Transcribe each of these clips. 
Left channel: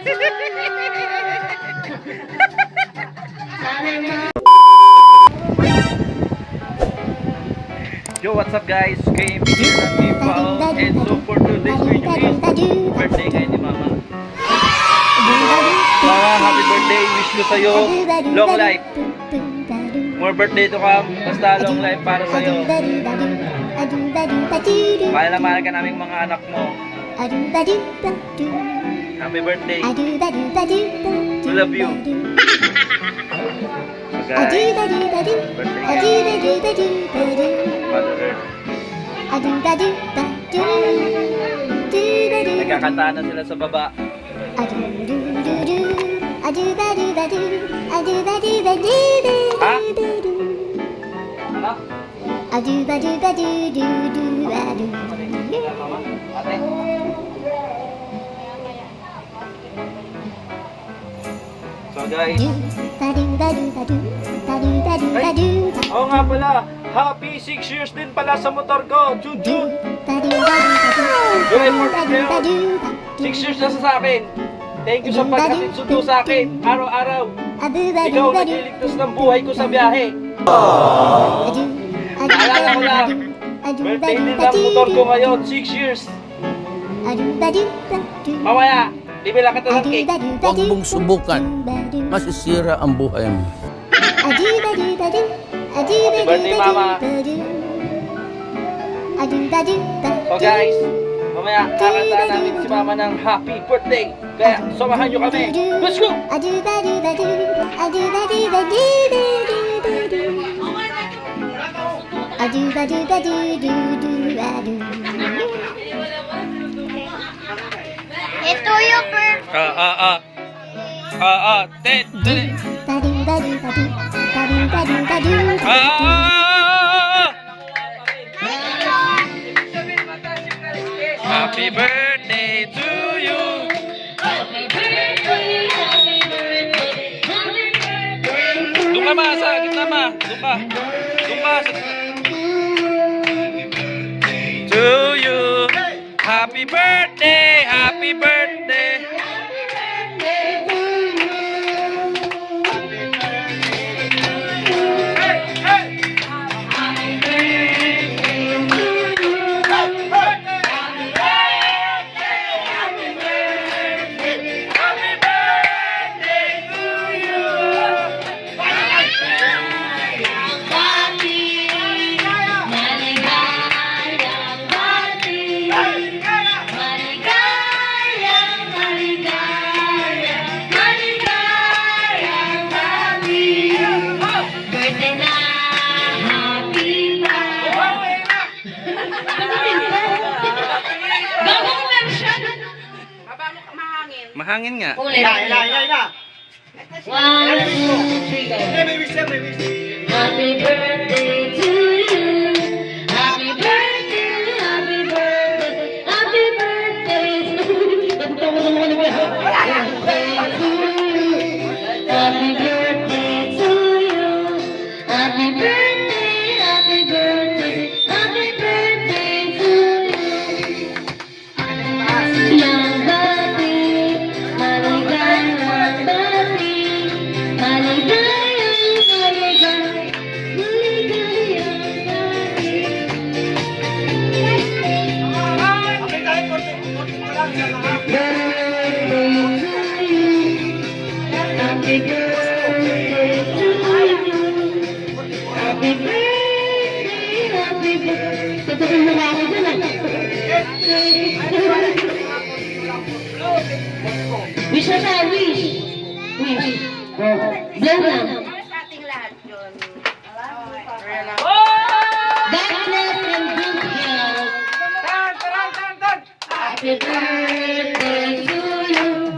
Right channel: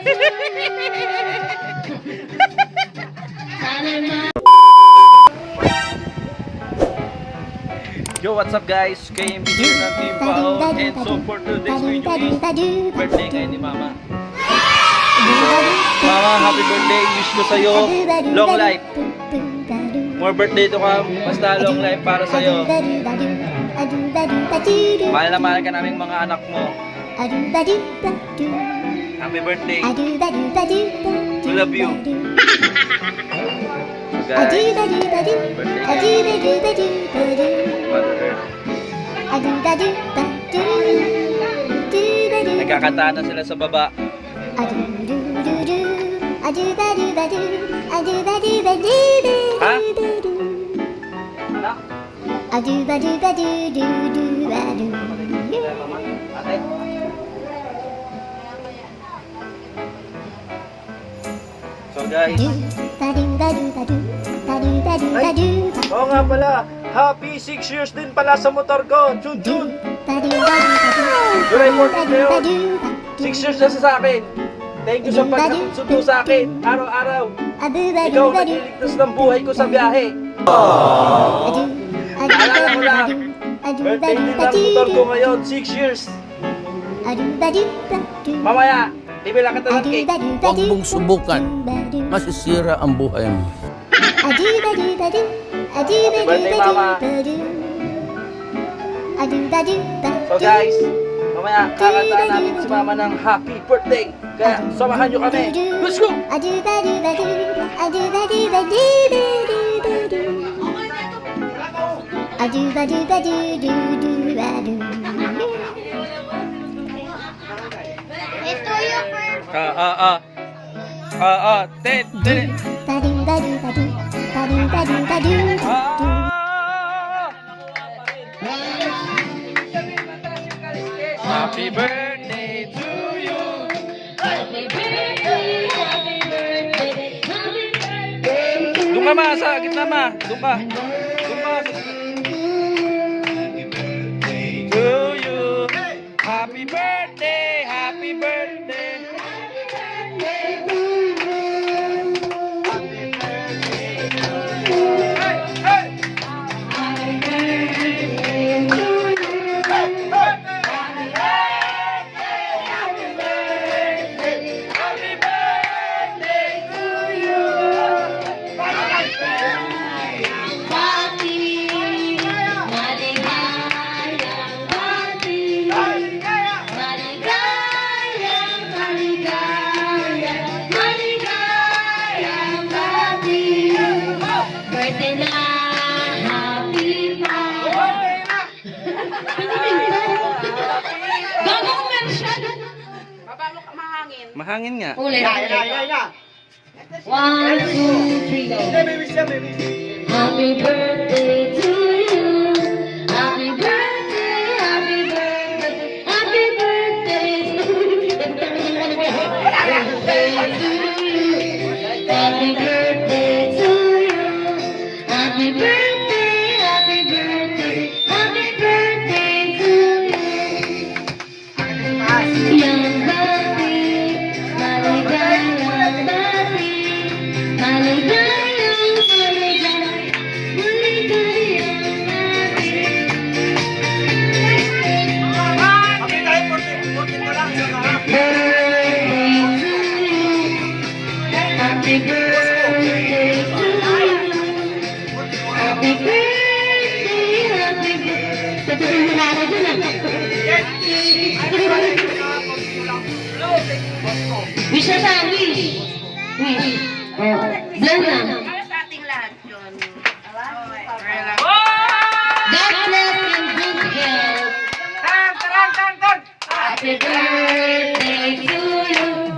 Yo, what's up guys? KMB here natin yung Pao. And so for today's video, birthday ngayon ni Mama. Mama, happy birthday. Wish ko sa'yo long life. More birthday to come. Basta long life para sa'yo. Mahal na mahal ka namin mga anak mo. Happy birthday. We love you. So guys, birthday Mother Earth. Nagkakantahan na sila sa baba. Ha? Ate? So guys, oo nga pala, happy 6 years din pala sa motor ko. Jun Jun. July 14 6 years na sa akin. Thank you sa pagkatid sundo sa akin. Araw-araw ikaw nagliligtas ng buhay ko sa biyahe. Naalala ko lang, birthday din ng motor ko ngayon, 6 years. Mamaya, bibila kita ng cake. Huwag mong subukan, masisira ang buhay mo. Happy birthday, Mama. So guys, mamaya kakantahan namin si Mama ng happy birthday. Kaya samahan nyo kami. Let's go! Ito yung Happy birthday to you. Doon ka ma, sa gitna ma. Doon ka. Doon ka. To you. Happy birthday. Happy birthday. Mahangin nga. Ulit. 1, 2, 3, go. Happy birthday to you. Happy birthday, happy birthday, happy birthday to you. Happy birthday to you. Happy birthday, happy birthday, happy birthday to you. Young birthday, maligayang birthday, maligayang, maligayang, maligayang happy birthday to you. Happy birthday, happy birthday. Tatuloy na ako dyan Wish na sa wish. Wish. Blow lang. Sa ating lahat yun. God bless and good health. Happy birthday to you.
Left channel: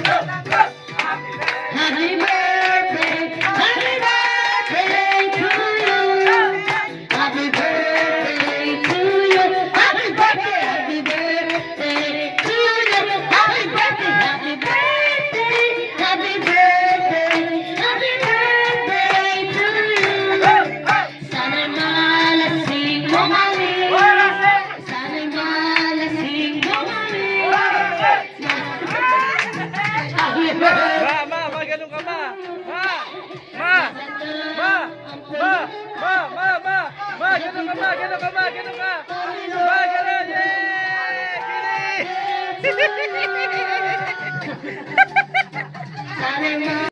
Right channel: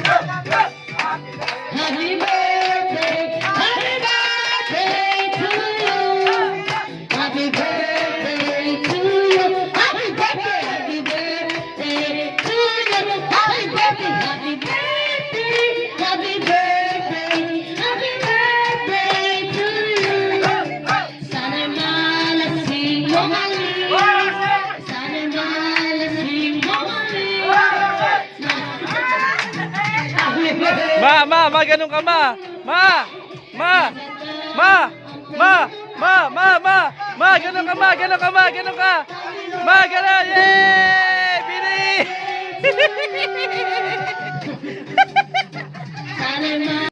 Happy birthday. Happy birthday to you. Happy birthday to you. Happy birthday. Happy birthday to you. Happy birthday. Happy birthday. Happy birthday. Happy birthday to you. Sana malasing mo kami. Sana malasing mo kami. ganun ka, ma. Ma! Ma! Ma! Ma! Ma! Ma! Ma! Ma! Ganun ka, ma! Ganun ka, ma! Ganun ka! Ma! Ganun! Yay! Bili! Sana